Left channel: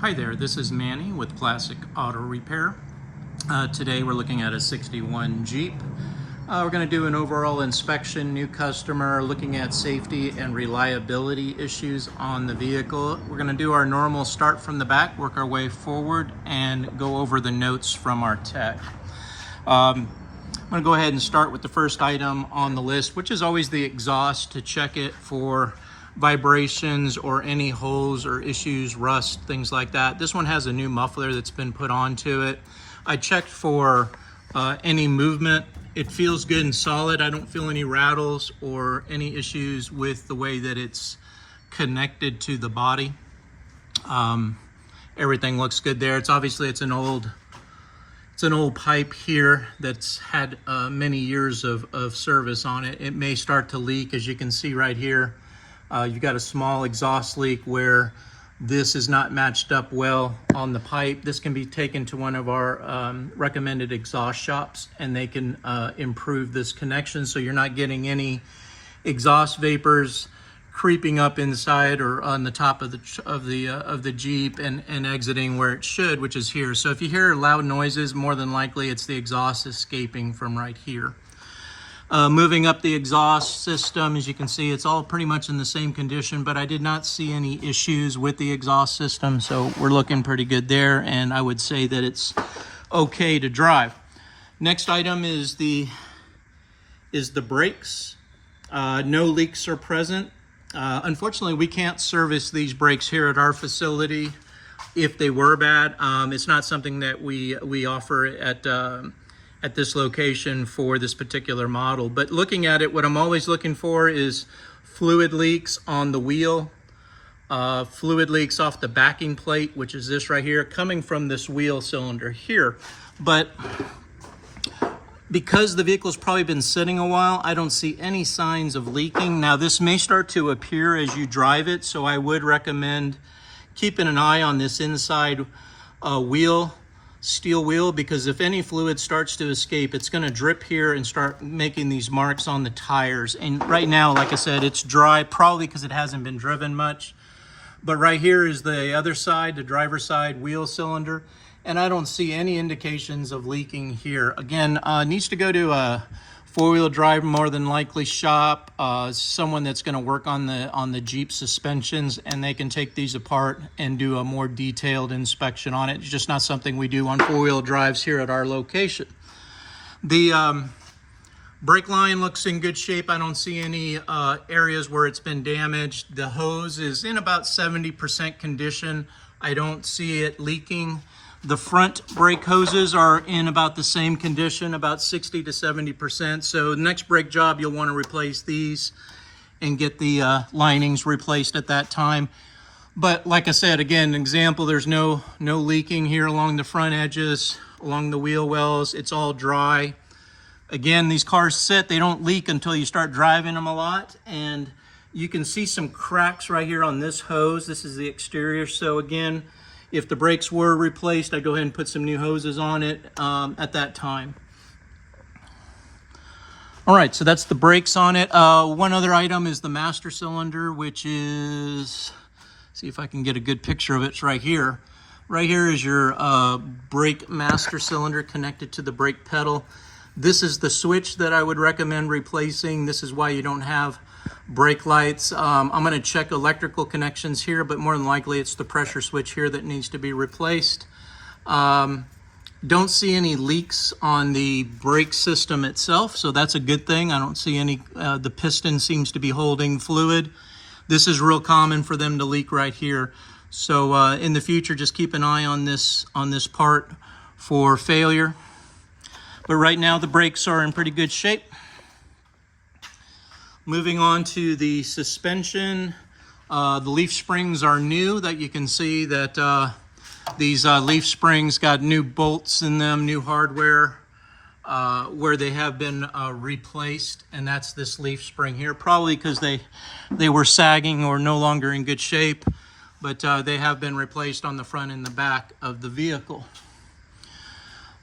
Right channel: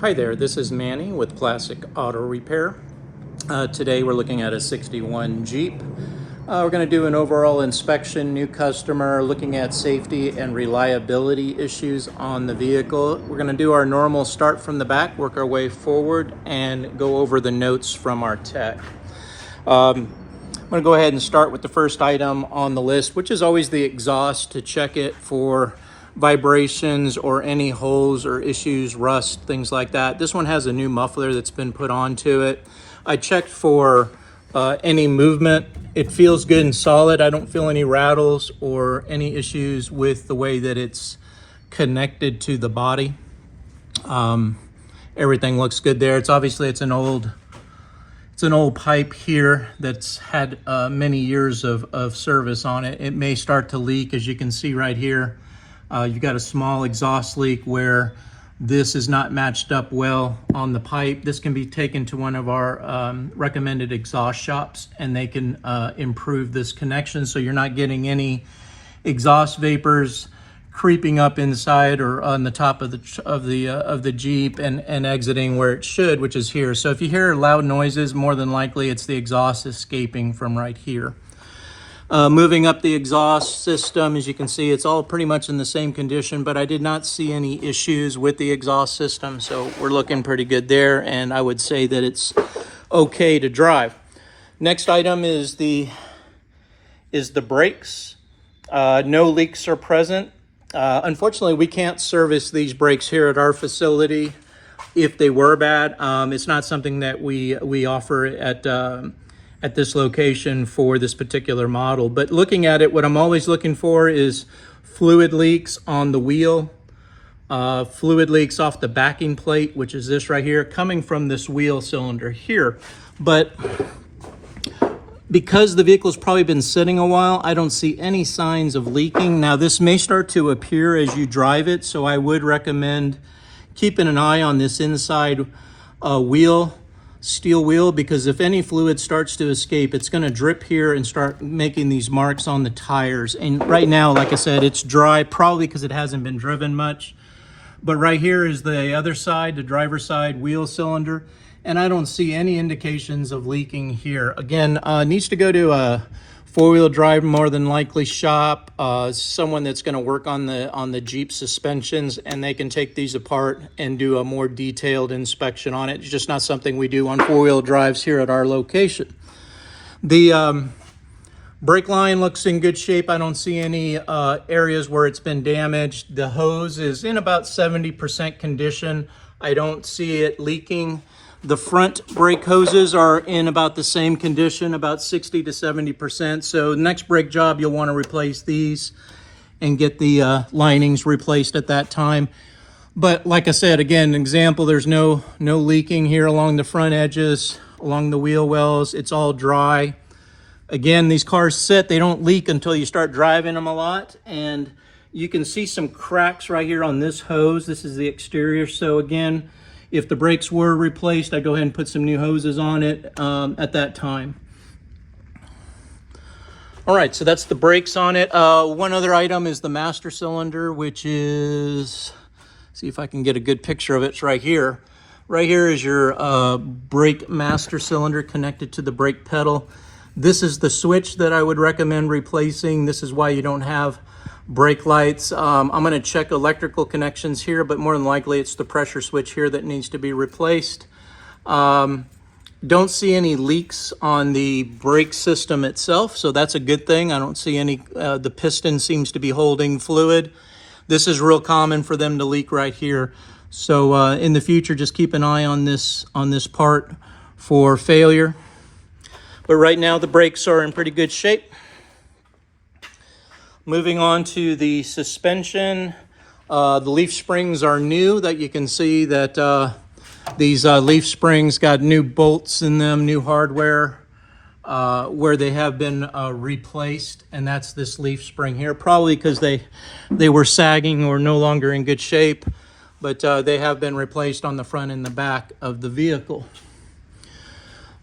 Hi there, this is Manny with Classic Auto Repair. Today we're looking at a 61 Jeep. We're going to do an overall inspection, new customer, looking at safety and reliability issues on the vehicle. We're going to do our normal start from the back, work our way forward, and go over the notes from our tech. I'm going to go ahead and start with the first item on the list, which is always the exhaust, to check it for vibrations or any holes or issues, rust, things like that. This one has a new muffler that's been put onto it. I checked for any movement. It feels good and solid. I don't feel any rattles or any issues with the way that it's connected to the body. Everything looks good there. It's an old pipe here that's had many years of service on it. It may start to leak, as you can see right here. You've got a small exhaust leak where this is not matched up well on the pipe. This can be taken to one of our recommended exhaust shops, and they can improve this connection so you're not getting any exhaust vapors creeping up inside or on the top of the Jeep and exiting where it should, which is here. So if you hear loud noises, more than likely it's the exhaust escaping from right here. Moving up the exhaust system, as you can see, it's all pretty much in the same condition, but I did not see any issues with the exhaust system, so we're looking pretty good there, and I would say that it's okay to drive. Next item is the brakes. No leaks are present. Unfortunately, we can't service these brakes here at our facility if they were bad. It's not something that we offer at this location for this particular model. But looking at it, what I'm always looking for is fluid leaks on the wheel, fluid leaks off the backing plate, which is this right here, coming from this wheel cylinder here. But because the vehicle's probably been sitting a while, I don't see any signs of leaking. Now, this may start to appear as you drive it, so I would recommend keeping an eye on this inside steel wheel, because if any fluid starts to escape, it's going to drip here and start making these marks on the tires. And right now, like I said, it's dry, probably because it hasn't been driven much. But right here is the other side, the driver's side wheel cylinder, and I don't see any indications of leaking here. Again, needs to go to a four-wheel drive, more than likely shop, someone that's going to work on the Jeep suspensions, and they can take these apart and do a more detailed inspection on it. It's just not something we do on four-wheel drives here at our location. The brake line looks in good shape. I don't see any areas where it's been damaged. The hose is in about 70% condition. I don't see it leaking. The front brake hoses are in about the same condition, about 60 to 70%. So next brake job, you'll want to replace these and get the linings replaced at that time. But like I said, again, an example, there's no leaking here along the front edges, along the wheel wells. It's all dry. Again, these cars sit, they don't leak until you start driving them a lot. And you can see some cracks right here on this hose. This is the exterior. So again, if the brakes were replaced, I'd go ahead and put some new hoses on it at that time. All right, so that's the brakes on it. One other item is the master cylinder, which is, see if I can get a good picture of it. It's right here. Right here is your brake master cylinder connected to the brake pedal. This is the switch that I would recommend replacing. This is why you don't have brake lights. I'm going to check electrical connections here, but more than likely it's the pressure switch here that needs to be replaced. Don't see any leaks on the brake system itself, so that's a good thing. I don't see any. The piston seems to be holding fluid. This is real common for them to leak right here. So in the future, just keep an eye on this part for failure. But right now the brakes are in pretty good shape. Moving on to the suspension, the leaf springs are new. That you can see that these leaf springs got new bolts in them, new hardware where they have been replaced, and that's this leaf spring here, probably because they were sagging or no longer in good shape, but they have been replaced on the front and the back of the vehicle.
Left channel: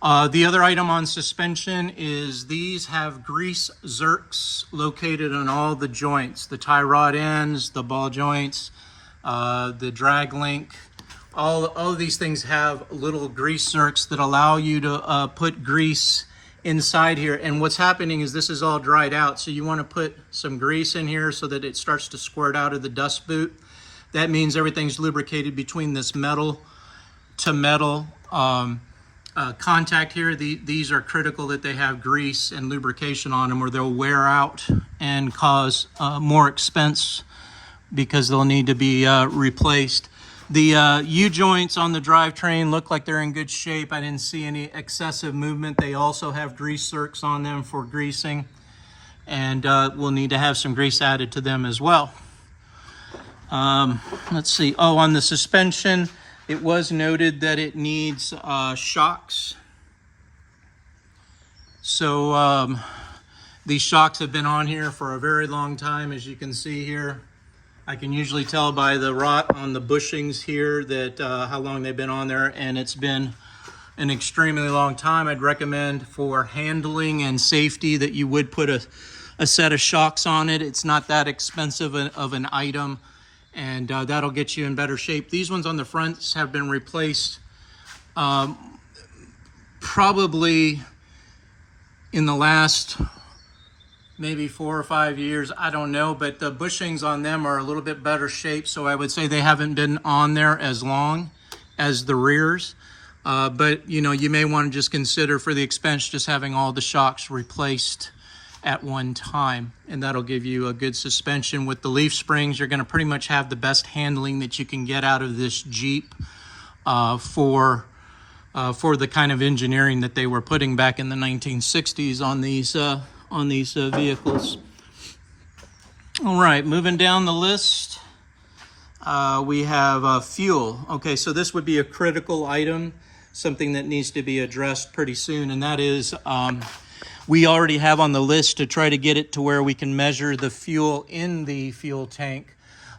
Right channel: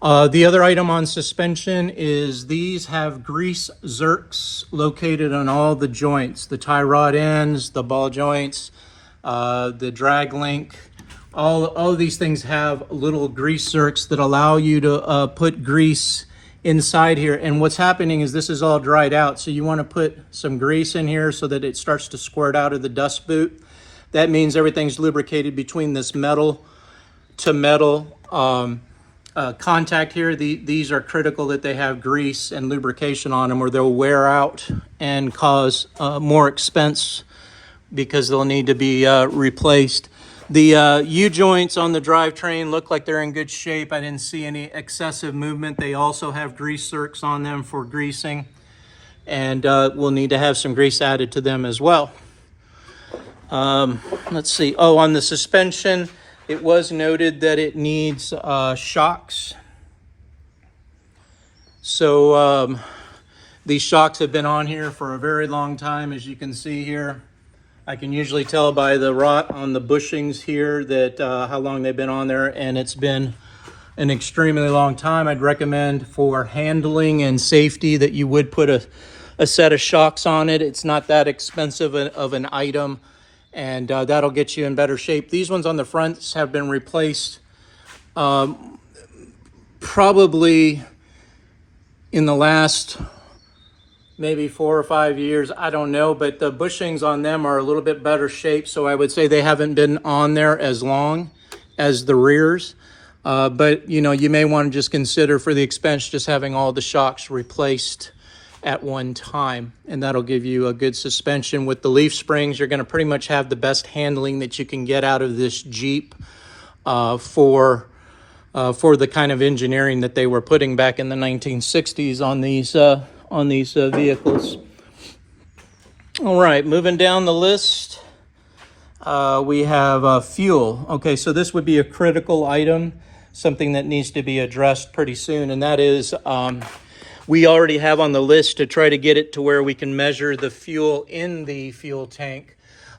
The other item on suspension is these have grease zerks located on all the joints, the tie rod ends, the ball joints, the drag link, all of these things have little grease zerks that allow you to put grease inside here. And what's happening is this is all dried out. So you want to put some grease in here so that it starts to squirt out of the dust boot. That means everything's lubricated between this metal to metal contact here. These are critical that they have grease and lubrication on them, or they'll wear out and cause more expense because they'll need to be replaced. The U-joints on the drivetrain look like they're in good shape. I didn't see any excessive movement. They also have grease zerks on them for greasing, and we'll need to have some grease added to them as well. Let's see. Oh, on the suspension, it was noted that it needs shocks. So these shocks have been on here for a very long time, as you can see here. I can usually tell by the rot on the bushings here that how long they've been on there, and it's been an extremely long time. I'd recommend for handling and safety that you would put a set of shocks on it. It's not that expensive of an item, and that'll get you in better shape. These ones on the fronts have been replaced probably in the last maybe 4 or 5 years, I don't know, but the bushings on them are a little bit better shape, so I would say they haven't been on there as long as the rears. But you know, you may want to just consider for the expense just having all the shocks replaced at one time, and that'll give you a good suspension. With the leaf springs, you're going to pretty much have the best handling that you can get out of this Jeep for the kind of engineering that they were putting back in the 1960s on these vehicles. All right, moving down the list, we have fuel. Okay, so this would be a critical item, something that needs to be addressed pretty soon, and that is we already have on the list to try to get it to where we can measure the fuel in the fuel tank.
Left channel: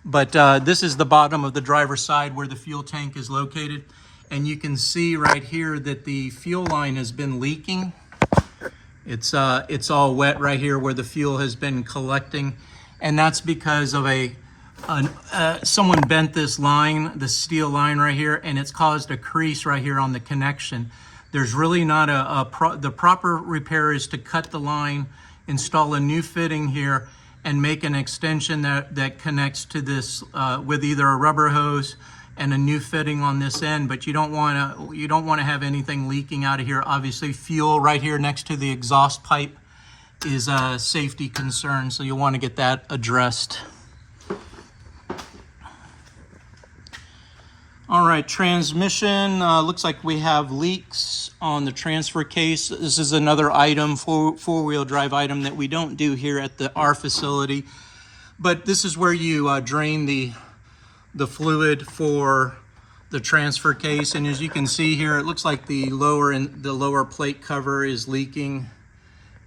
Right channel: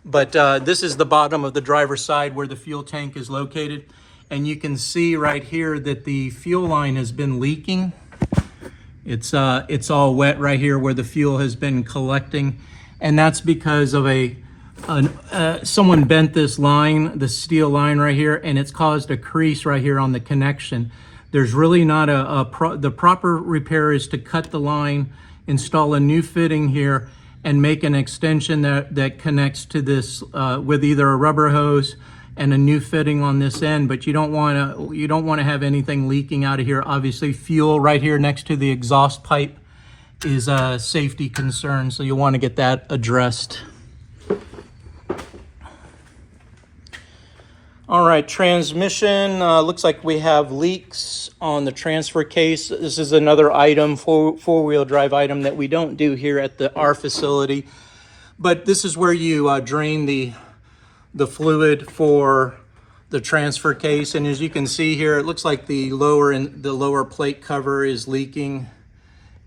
But this is the bottom of the driver's side where the fuel tank is located, and you can see right here that the fuel line has been leaking. It's all wet right here where the fuel has been collecting, and that's because of someone bent this line, the steel line right here, and it's caused a crease right here on the connection. There's really not the proper repair is to cut the line, install a new fitting here, and make an extension that connects to this with either a rubber hose and a new fitting on this end. But you don't want to have anything leaking out of here. Obviously, fuel right here next to the exhaust pipe is a safety concern, so you'll want to get that addressed. All right, transmission, looks like we have leaks on the transfer case. This is another item, four-wheel drive item that we don't do here at our facility, but this is where you drain the fluid for the transfer case. And as you can see here, it looks like the lower plate cover is leaking,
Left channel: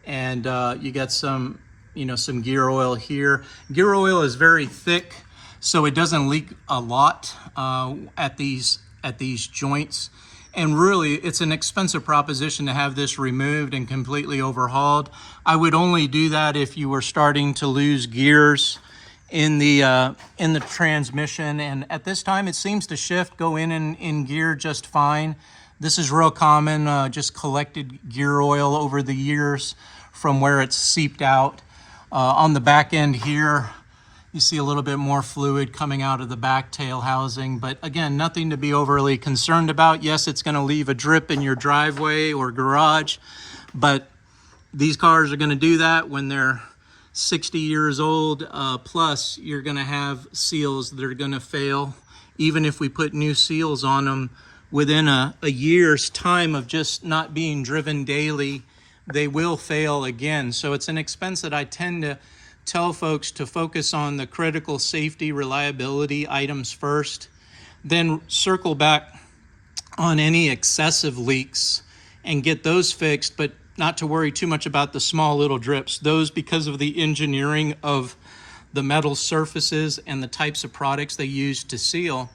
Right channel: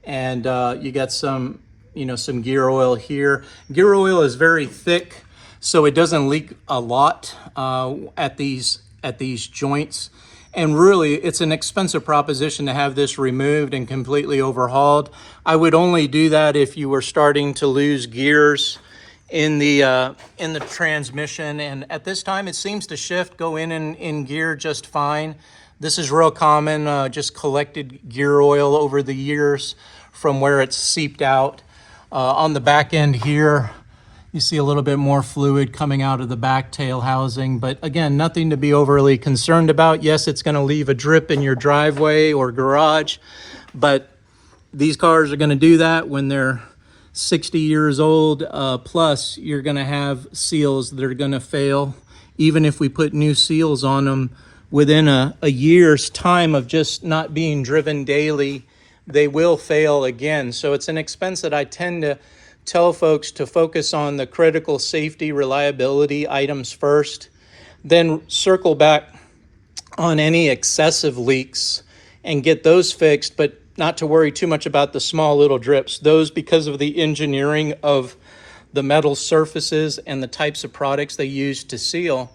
and you got some gear oil here. Gear oil is very thick, so it doesn't leak a lot at these joints. And really, it's an expensive proposition to have this removed and completely overhauled. I would only do that if you were starting to lose gears in the transmission, and at this time it seems to go in gear just fine. This is real common, just collected gear oil over the years from where it's seeped out. On the back end here, you see a little bit more fluid coming out of the back tail housing, but again, nothing to be overly concerned about. Yes, it's going to leave a drip in your driveway or garage, but these cars are going to do that when they're 60 years old plus. You're going to have seals that are going to fail. Even if we put new seals on them, within a year's time of just not being driven daily, they will fail again. So it's an expense that I tend to tell folks to focus on the critical safety reliability items first, then circle back on any excessive leaks and get those fixed, but not to worry too much about the small little drips. Those, because of the engineering of the metal surfaces and the types of products they use to seal,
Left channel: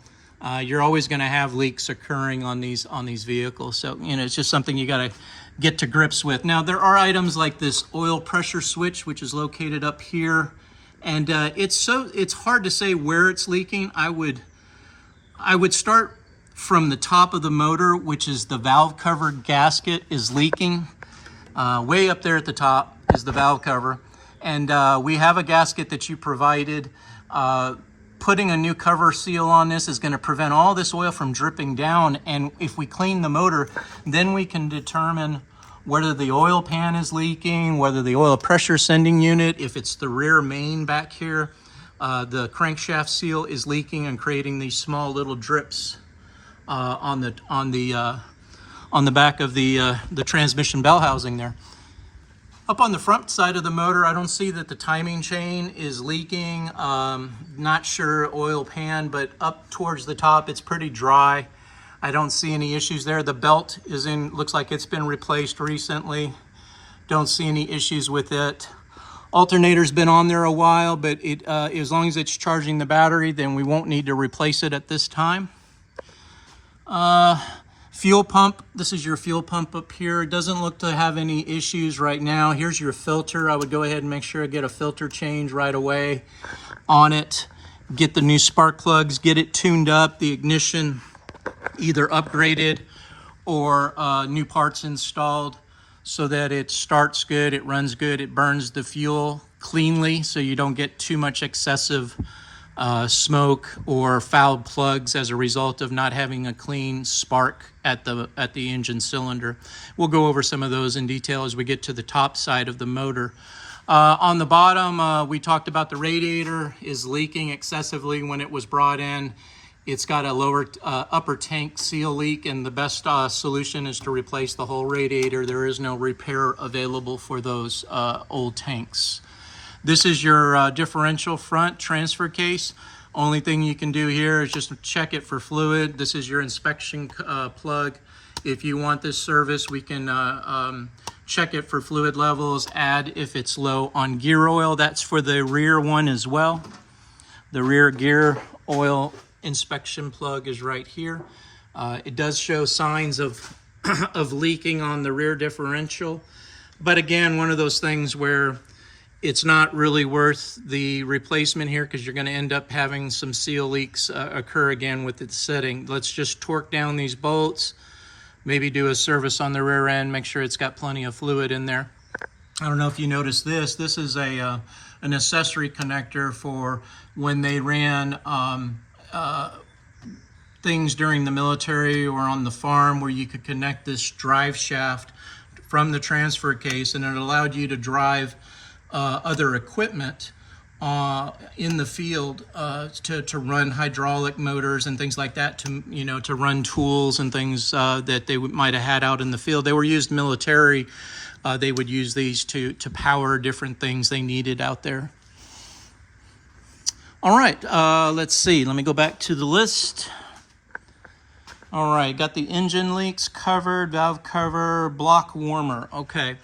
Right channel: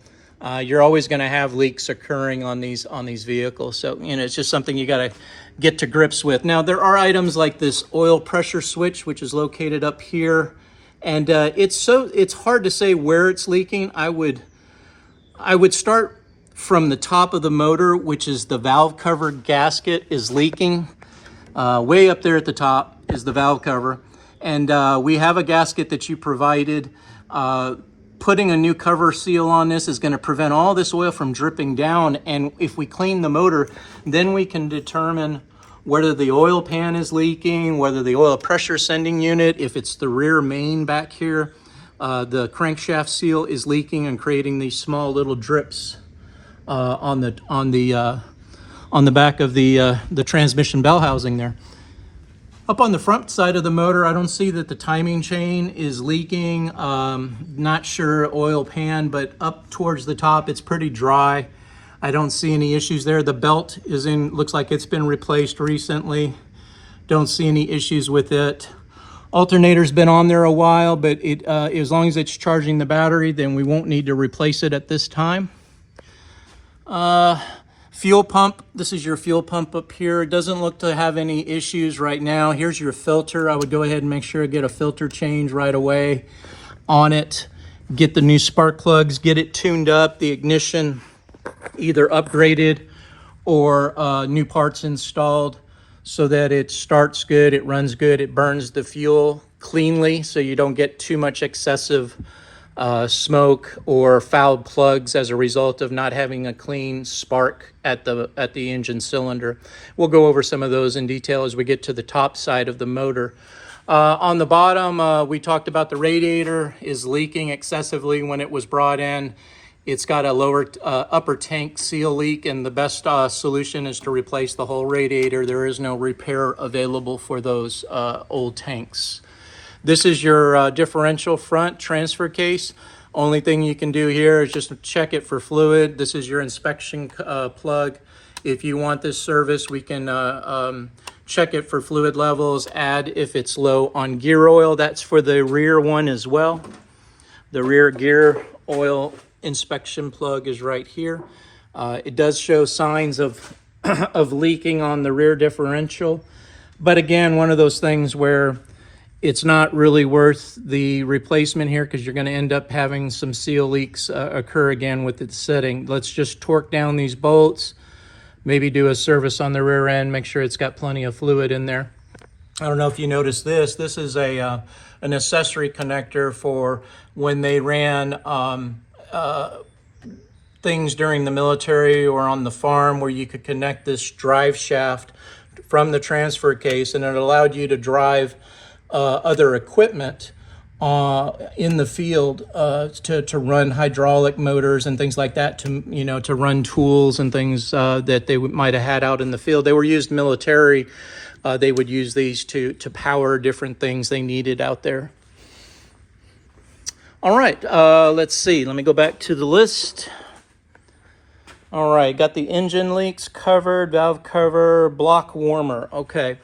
you're always going to have leaks occurring on these vehicles. So it's just something you got to get to grips with. Now, there are items like this oil pressure switch, which is located up here, and it's hard to say where it's leaking. I would start from the top of the motor, which is the valve cover gasket, is leaking. Way up there at the top is the valve cover. And we have a gasket that you provided. Putting a new cover seal on this is going to prevent all this oil from dripping down. And if we clean the motor, then we can determine whether the oil pan is leaking, whether the oil pressure sending unit, if it's the rear main back here, the crankshaft seal is leaking and creating these small little drips on the back of the transmission bell housing there. Up on the front side of the motor, I don't see that the timing chain is leaking. Not sure oil pan, but up towards the top, it's pretty dry. I don't see any issues there. The belt is in, looks like it's been replaced recently. Don't see any issues with it. Alternator's been on there a while, but it as long as it's charging the battery, then we won't need to replace it at this time. Fuel pump, this is your fuel pump up here. It doesn't look to have any issues right now. Here's your filter. I would go ahead and make sure to get a filter change right away on it. Get the new spark plugs, get it tuned up, the ignition either upgraded or new parts installed so that it starts good, it runs good, it burns the fuel cleanly so you don't get too much excessive smoke or fouled plugs as a result of not having a clean spark at the engine cylinder. We'll go over some of those in detail as we get to the top side of the motor. On the bottom, we talked about the radiator is leaking excessively when it was brought in. It's got a lower upper tank seal leak, and the best solution is to replace the whole radiator. There is no repair available for those old tanks. This is your differential front transfer case. Only thing you can do here is just check it for fluid. This is your inspection plug. If you want this service, we can check it for fluid levels, add if it's low on gear oil. That's for the rear one as well. The rear gear oil inspection plug is right here. It does show signs of of leaking on the rear differential, but again, one of those things where it's not really worth the replacement here because you're going to end up having some seal leaks occur again with the setting. Let's just torque down these bolts, maybe do a service on the rear end, make sure it's got plenty of fluid in there. I don't know if you noticed this. This is an accessory connector for when they ran things during the military or on the farm where you could connect this drive shaft from the transfer case, and it allowed you to drive other equipment in the field to run hydraulic motors and things like that, to run tools and things that they might have had out in the field. They were used military. They would use these to power different things they needed out there. All right, let's see. Let me go back to the list. All right, got the engine leaks covered, valve cover, block warmer. Okay,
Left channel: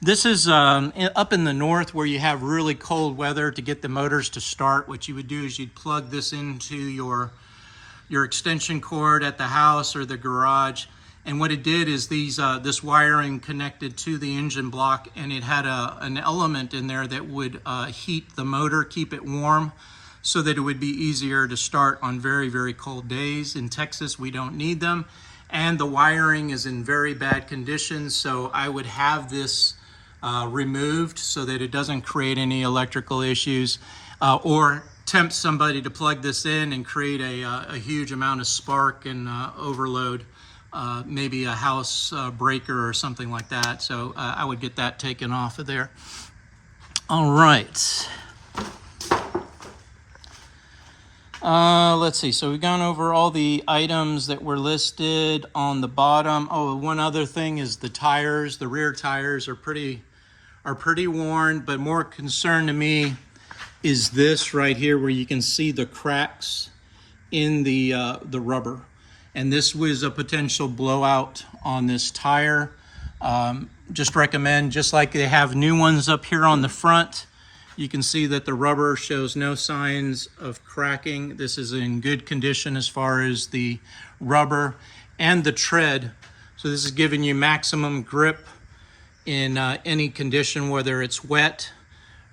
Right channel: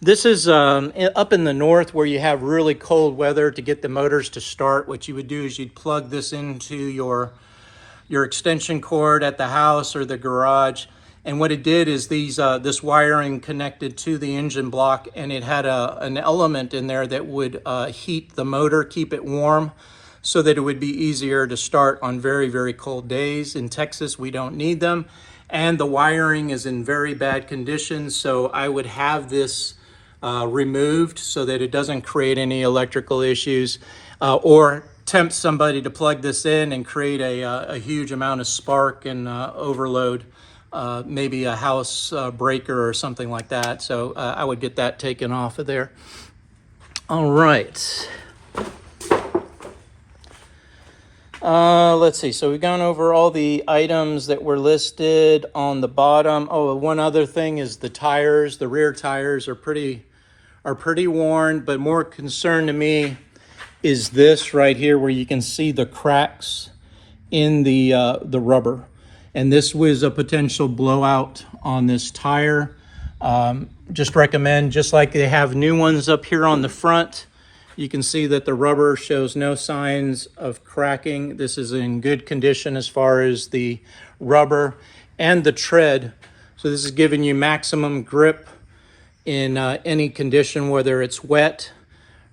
this is up in the north where you have really cold weather. To get the motors to start, what you would do is you'd plug this into your extension cord at the house or the garage. And what it did is this wiring connected to the engine block, and it had an element in there that would heat the motor, keep it warm, so that it would be easier to start on very, very cold days. In Texas, we don't need them. And the wiring is in very bad condition, so I would have this removed so that it doesn't create any electrical issues or tempt somebody to plug this in and create a huge amount of spark and overload, maybe a house breaker or something like that. So I would get that taken off of there. All right. Let's see. So we've gone over all the items that were listed on the bottom. Oh, one other thing is the tires. The rear tires are pretty worn, but more concern to me is this right here, where you can see the cracks in the rubber. And this was a potential blowout on this tire. Just recommend, just like they have new ones up here on the front, you can see that the rubber shows no signs of cracking. This is in good condition as far as the rubber and the tread. So this is giving you maximum grip in any condition, whether it's wet,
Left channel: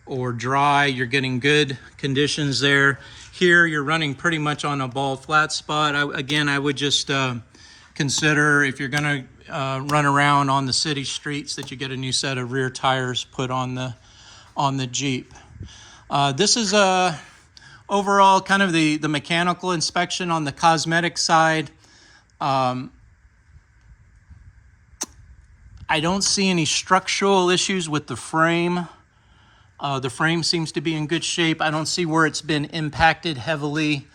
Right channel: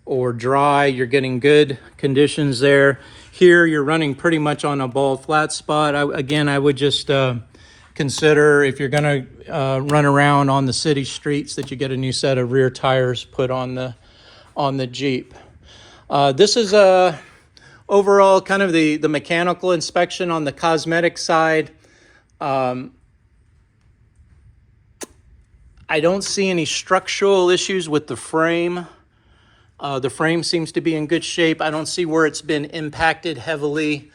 or dry. You're getting good conditions there. Here you're running pretty much on a bald flat spot. Again, I would just consider, if you're going to run around on the city streets, that you get a new set of rear tires put on the Jeep. This is overall kind of the mechanical inspection. On the cosmetic side, I don't see any structural issues with the frame. The frame seems to be in good shape. I don't see where it's been impacted heavily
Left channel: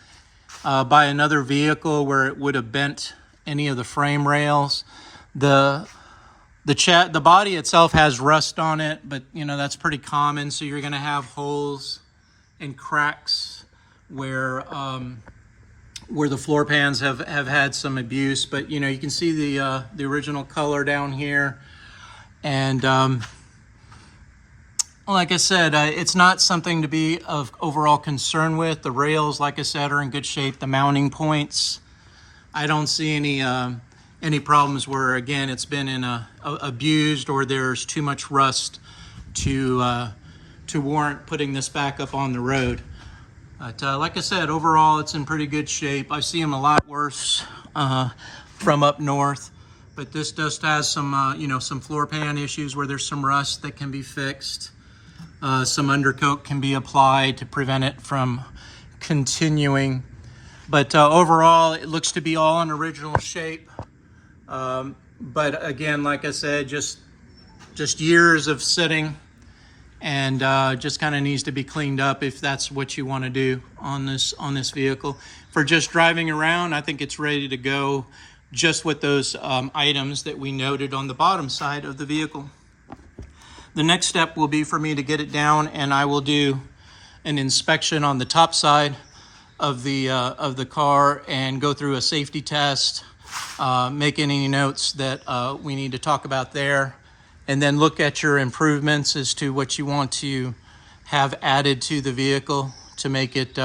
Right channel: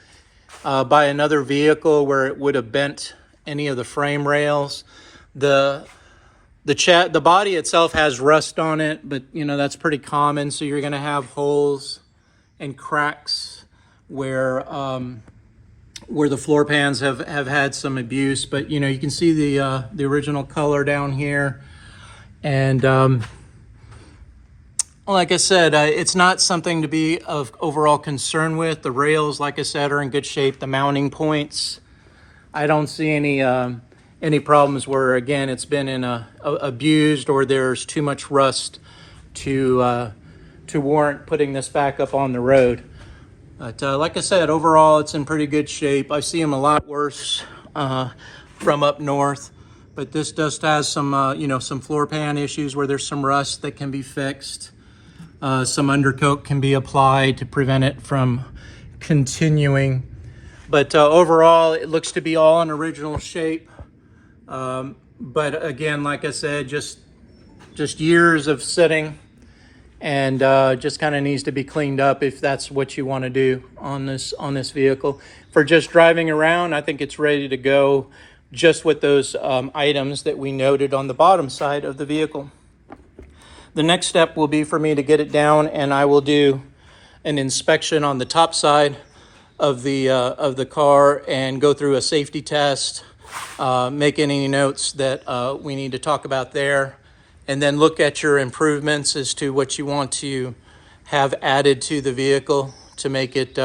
by another vehicle where it would have bent any of the frame rails. The body itself has rust on it, but you know, that's pretty common. So you're going to have holes and cracks where the floor pans have had some abuse. But you know, you can see the original color down here. And like I said, it's not something to be of overall concern with. The rails, like I said, are in good shape. The mounting points, I don't see any problems where, again, it's been abused or there's too much rust to warrant putting this back up on the road. But like I said, overall, it's in pretty good shape. I see them a lot worse from up north, but this just has some, you know, some floor pan issues where there's some rust that can be fixed. Some undercoat can be applied to prevent it from continuing. But overall, it looks to be all in original shape. But again, like I said, just years of sitting, and just kind of needs to be cleaned up if that's what you want to do on this vehicle. For just driving around, I think it's ready to go, just with those items that we noted on the bottom side of the vehicle. The next step will be for me to get it down, and I will do an inspection on the top side of the car and go through a safety test, make any notes that we need to talk about there, and then look at your improvements as to what you want to have added to the vehicle to make it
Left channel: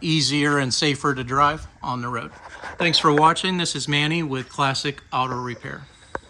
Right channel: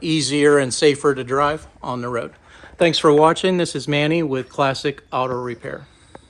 easier and safer to drive on the road. Thanks for watching. This is Manny with Classic Auto Repair.